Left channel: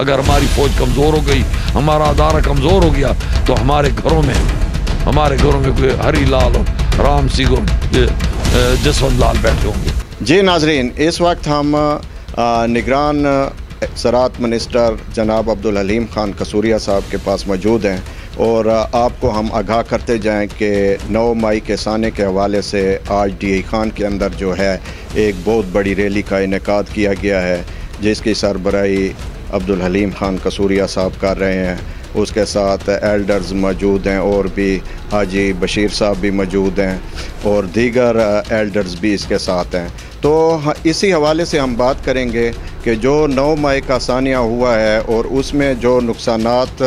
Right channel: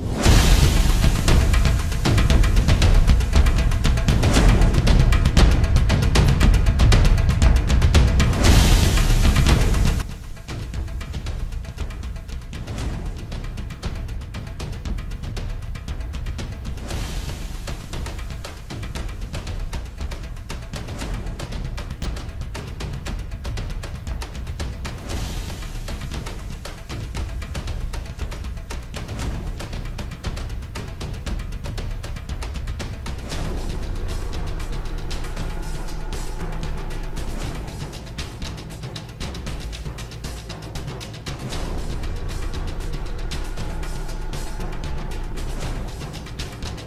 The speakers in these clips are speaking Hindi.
अगर हमारी फौज कमज़ोर हो गई, हमारा अदारा कमज़ोर हो गया, तो हमारे घरों में कोई हरी लाल हो, राम सिंह हो, जसवंत लाल बैठे होंगे। जी नाजरीन, इस वक्त हम निगरान ज़राअत मिनिस्टर जनाब अब्दुल हलीम खान कसूरिया साहब के पास मौजूद हैं और आपको हम आगाह करते जाएं कि 9 मई के साने के हवाले से आज डी खान के अंदर जो है एक बहुत बड़ी रैली का इनेकाद किया गया है, जिसकी सरबराही अब्दुल हलीम खान कसूरिया साहब कर रहे हैं। उसके साथ एल्डर्स मौजूद हैं और भी हाजी बशीर साहब भी मौजूद हैं और दीगर एल्डर्स भी इसके साथ हैं। तो इसी हवाले से हम बात करेंगे कि जो 9 मई का सानिया हुआ है और उसमें जो नुकसानात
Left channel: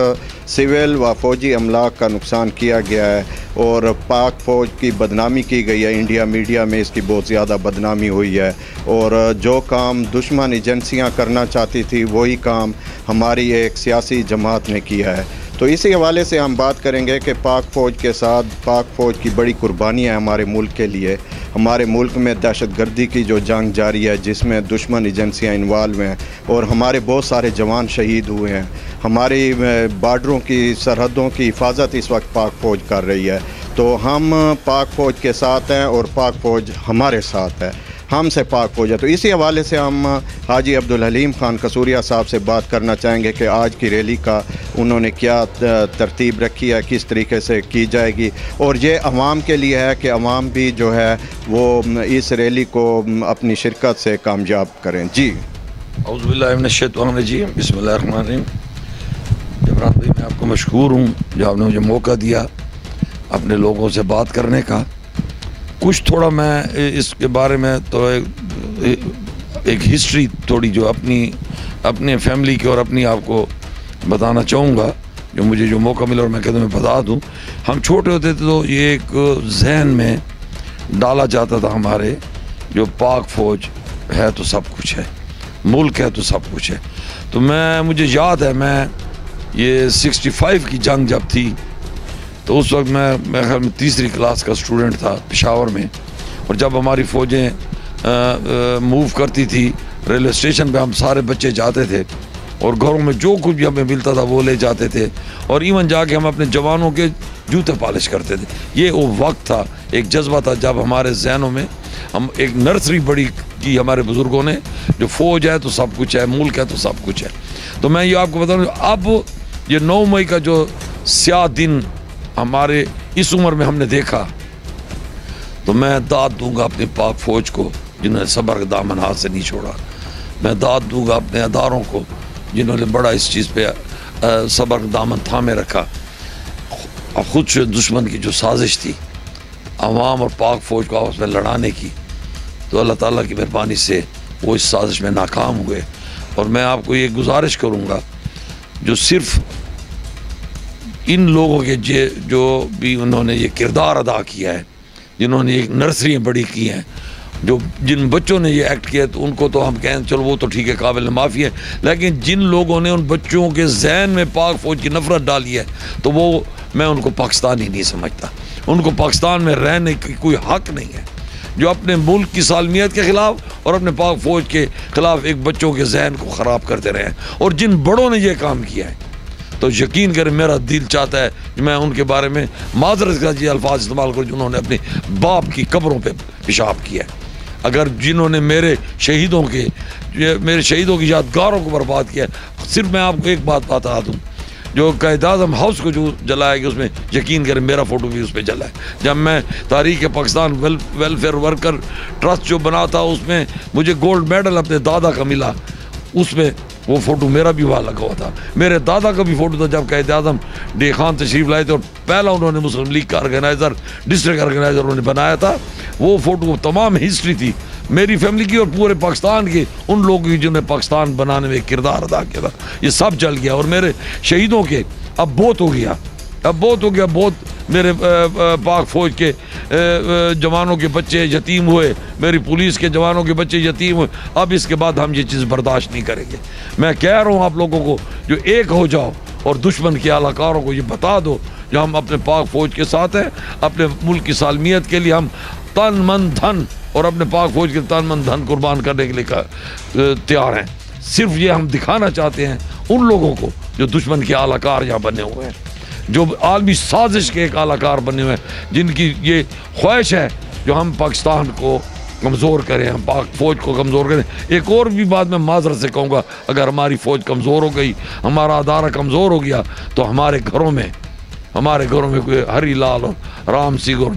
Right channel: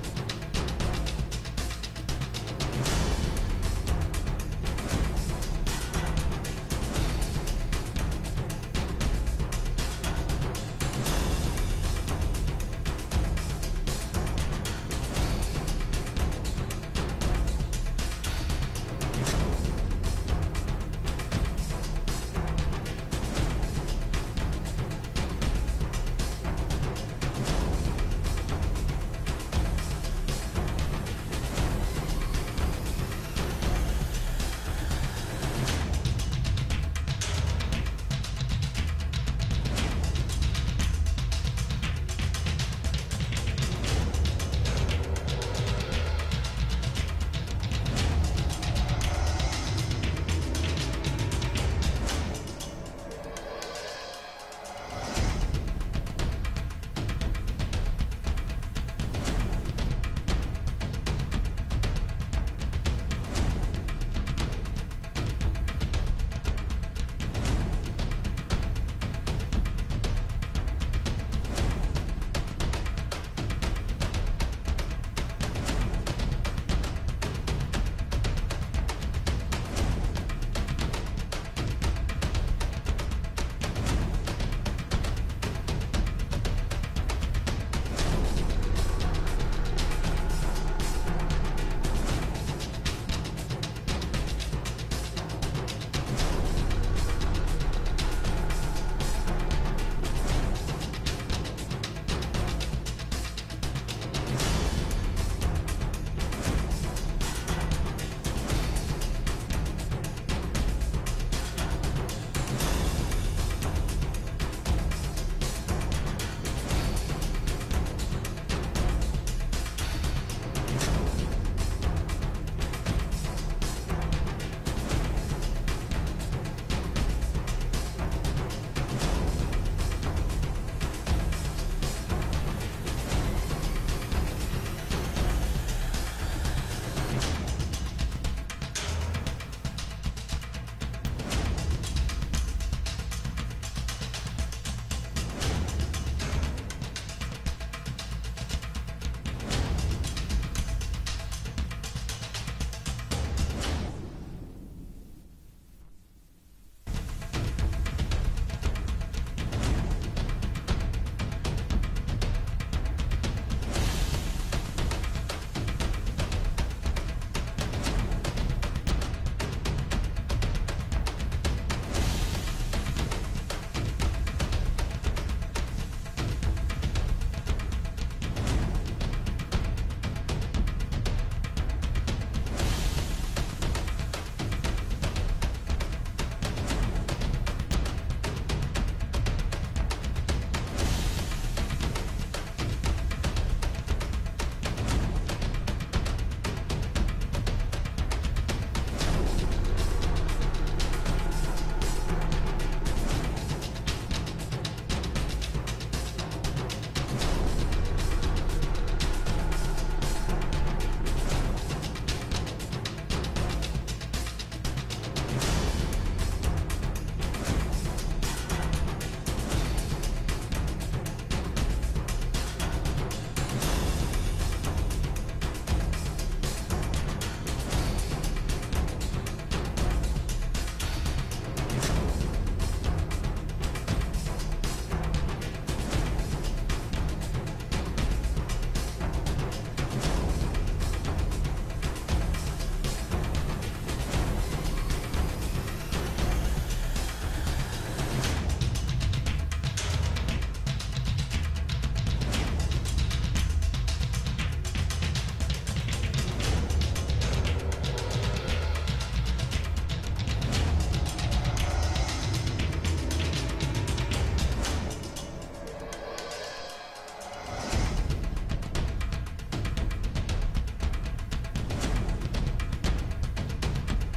सिविल व फौजी अमलाक का नुकसान किया गया है और पाक फ़ौज की बदनामी की गई है, इंडिया मीडिया में इसकी बहुत ज़्यादा बदनामी हुई है और जो काम दुश्मन एजेंसियां करना चाहती थी वही काम हमारी एक सियासी जमात ने किया है। तो इसी हवाले से हम बात करेंगे कि पाक फ़ौज के साथ पाक फ़ौज की बड़ी कुर्बानियाँ हैं हमारे मुल्क के लिए। हमारे मुल्क में दहशतगर्दी की जो जंग जारी है जिसमें दुश्मन एजेंसियाँ इन्वॉल्व हैं और हमारे बहुत सारे जवान शहीद हुए हैं। हमारी बार्डरों की सरहदों की हिफाजत इस वक्त पाक फ़ौज कर रही है। तो हम पाक फ़ौज के साथ हैं और पाक फ़ौज हमारे साथ है, हमसे पाक फ़ौज है। तो इसी हवाले से हम हाजी अब्दुल हलीम खान कसूरिया साहब से बात करना चाहेंगे कि आज की रैली का उन्होंने क्या तरतीब रखी है, किस तरीके से की जाएगी और ये अवाम के लिए है कि अवाम भी जो है वो इस रैली को अपनी शिरकत से कामयाब करें। जी बिस्मिल्लाहिर्रहमानिर्रहीम। इमरान भाई, मैं आपको मशकूर हूँ जो आपने मुझे मौका दिया अपने लोगों से बात करने का। कुछ थोड़ा मैं इसके बारे में तो एक हिस्ट्री थोड़ी जो अपने फैमिली की और अपनी आपको बताना चाहूँगा, जो मुझे जो मौका मिला और मैं कहता मैं बता दूँ। हम छोटे होते थे तो ये एक जहन में डाला जाता था हमारे, जो पाक फ़ौज है तो सब कुछ है, मुल्क है तो सब कुछ है। तो मुझे याद है, मैं ये 65 की जंग जब थी तो उस वक्त मैं तीसरी क्लास का स्टूडेंट था पेशावर में, और जब हमारी फ़ौजें मूव करती थी रेलवे स्टेशन पे हम सारे बच्चे जाते थे और घरों में जो कुछ भी हमें मिलता था वो ले जाते थे और इवन जाके हम अपने जवानों के जूते पॉलिश करते थे। ये वो वक्त था, एक जज्बा था जब हमारे जहनों में हम एक नर्सरी बड़ी की हमारे बुज़ुर्गों ने, जो फ़ौज है तो सब कुछ है, मुल्क है तो सब कुछ है। तो मैं ये आपको बताऊँ, अब ये 9 मई का जो स्याह दिन हमारे इस उम्र में हमने देखा, तो मैं दाद दूंगा अपने पाक फ़ौज को जिन्होंने सब्र का दामन हाथ से नहीं छोड़ा। मैं दाद दूंगा अपने अदारों को जिन्होंने बड़ा इस चीज़ पे सब्र का दामन थामे रखा। और खुद से दुश्मन की जो साजिश थी अवाम और पाक फ़ौज को आपस में लड़ाने की, तो अल्लाह ताला की मेहरबानी से वो इस साजिश में नाकाम हुए। और मैं आपको ये गुजारिश करूँगा, जो सिर्फ़ इन लोगों के जो भी उन्होंने ये किरदार अदा किया है, जिन्होंने एक नर्सरियाँ बड़ी की हैं, जो जिन बच्चों ने ये एक्ट किया, तो उनको तो हम कहें चलो वो तो ठीक है, काबिल माफ़ी है, लेकिन जिन लोगों ने उन बच्चों के जहन में पाक फ़ौज की नफ़रत डाली है, तो वो मैं उनको पाकिस्तानी नहीं समझता। उनको पाकिस्तान में रहने की कोई हक़ नहीं है। जो अपने मुल्क की सालमियत के ख़िलाफ़ और अपने पाक फ़ौज के ख़िलाफ़ एक बच्चों के जहन को ख़राब करते रहे हैं, और जिन बड़ों ने यह काम किया है, तो यकीन करें मेरा दिल चाहता है कि मैं उनके बारे में माजरत का ये अल्फाज इस्तेमाल करूँ जिन्होंने अपने बाप की कब्रों पे पेशाब किया है। अगर जिन्होंने मेरे शहीदों की यादगारों को बर्बाद किया है। सिर्फ मैं आपको एक बात बता दूँ, जो क़ायद-ए-आज़म हाउस को जो जलाया गया उसमें यकीन करें मेरा फ़ोटो भी उस पर जला है। जब मैं तारीख़ पाकिस्तान वेलफेयर वर्कर ट्रस्ट जो बना था उसमें मुझे गोल्ड मेडल अपने दादा का मिला, उसमें वो फ़ोटो मेरा भी वहाँ लगा हुआ था। मेरे दादा का भी फ़ोटो था जब क़ायद-ए-आज़म डी खान तशरीफ़ लाए थे और पहला उन्होंने मुस्लिम लीग का ऑर्गेनाइज़र, डिस्ट्रिक्ट ऑर्गेनाइज़र उन्होंने बनाया था। वो फ़ोटो तमाम हिस्ट्री थी मेरी फैमिली की और पूरे पाकिस्तान के उन लोगों की जिन्होंने पाकिस्तान बनाने में किरदार अदा किया था। ये सब जल गया और मेरे शहीदों के अब बहुत हो गया, बहुत मेरे पाक फ़ौज के जवानों के बच्चे यतीम हुए, मेरी पुलिस के जवानों के बच्चे यतीम हुए। अब इसके बाद हम ये चीज़ बर्दाश्त नहीं करेंगे। मैं कह रहा हूँ आप लोगों को, जो एक हो जाओ और दुश्मन के आलाकारों को ये बता दो जो हम अपने पाक फ़ौज के साथ हैं, अपने मुल्क की सालमियत के लिए हम तन मन धन और अपने पाक फ़ौज के तन मन धन कुर्बान करने के लिए तैयार हैं। सिर्फ ये हम दिखाना चाहते हैं उन लोगों को जो दुश्मन के आलाकार यहाँ बने हुए हैं, जो आलमी साजिश के एक आलाकार बने हुए हैं, जिनकी ये ख्वाहिश है जो हम पाकिस्तान को कमज़ोर करें, हम पाक फ़ौज को कमज़ोर करें। एक और भी बात मैं माजरत से कहूँगा, अगर हमारी फ़ौज कमज़ोर हो गई, हमारा अदारा कमज़ोर हो गया, तो हमारे घरों में कोई हरी लाल और राम सिंह और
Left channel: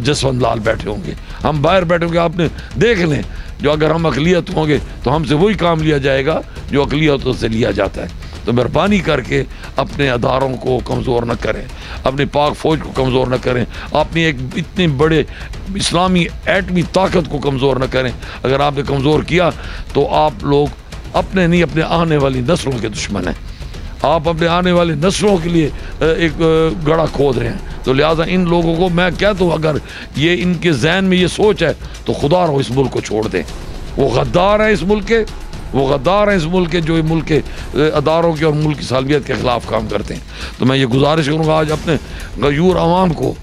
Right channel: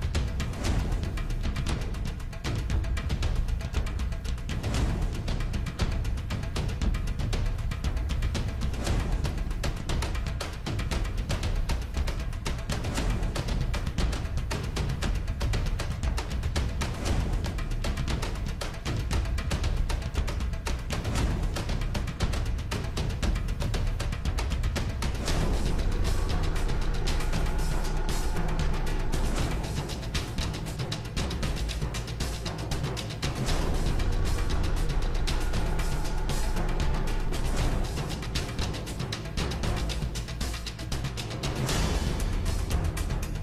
जसवंत लाल बैठे होंगे, हम बाहर बैठे होंगे। आपने देख लें, जो अगर हम अक़लियत होंगे तो हमसे वही काम लिया जाएगा जो अक़लियतों से लिया जाता है। तो मेहरबानी करके अपने अदारों को कमज़ोर न करें, अपने पाक फ़ौज को कमज़ोर न करें, अपनी एक इतने बड़े इस्लामी एटमी ताकत को कमज़ोर न करें। अगर आपने कमज़ोर किया तो आप लोग अपने नहीं, अपने आने वाली नस्लों के दुश्मन हैं। आप अपने आने वाली नस्लों के लिए एक गड़ा खोद रहे हैं। तो लिहाजा इन लोगों को मैं कहता हूँ, अगर ये इनके जहन में ये सोच है तो खुदा रहो इस मुल्क को छोड़ दें। वो गद्दार हैं इस मुल्क के, वो गद्दार हैं इस मुल्क के, जो मुल्क के अदारों के और मुल्क की सालवियत के ख़िलाफ़ काम करते हैं। तो मैं ये गुजारिश करूँगा, आज अपने गयूर आवाम को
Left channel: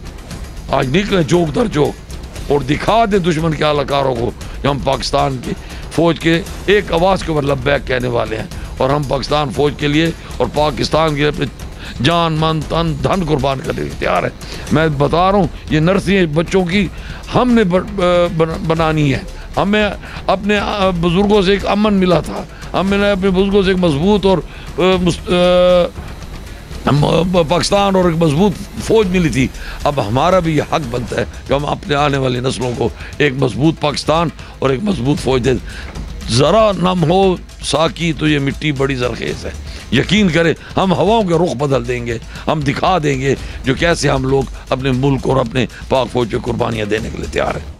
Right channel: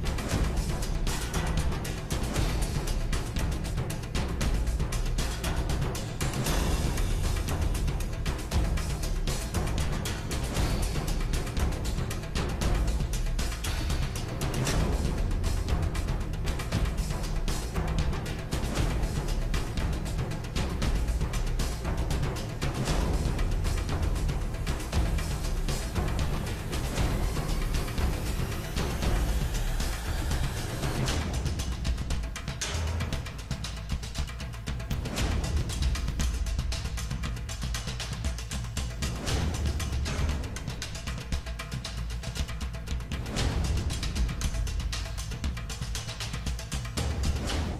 आज निकलें चौक दर चौक और दिखा दें दुश्मन के आलाकारों को कि हम पाकिस्तान की फ़ौज के एक आवाज़ के ऊपर लब्बैक कहने वाले हैं, और हम पाकिस्तान फ़ौज के लिए और पाकिस्तान के अपने जान मन तन धन कुर्बान करने के तैयार है। मैं बता रहा हूँ, ये नर्सियाँ बच्चों की हमने बनानी है। हमें अपने बुज़ुर्गों से एक अमन मिला था, हमें अपने बुज़ुर्गों से एक मजबूत और पाकिस्तान और एक मजबूत फ़ौज मिली थी। अब हमारा भी ये हक बनता है कि हम अपने आने वाली नस्लों को एक मजबूत पाकिस्तान और एक मजबूत फ़ौज दें। ज़रा नम हो साकी तो ये मिट्टी बड़ी ज़रखेज़ है। यकीन करें, हम हवाओं के रुख बदल देंगे, हम दिखा देंगे जो कैसे हम लोग अपने मुल्क और अपने पाक फ़ौज को कुर्बानियाँ देने के लिए तैयार हैं।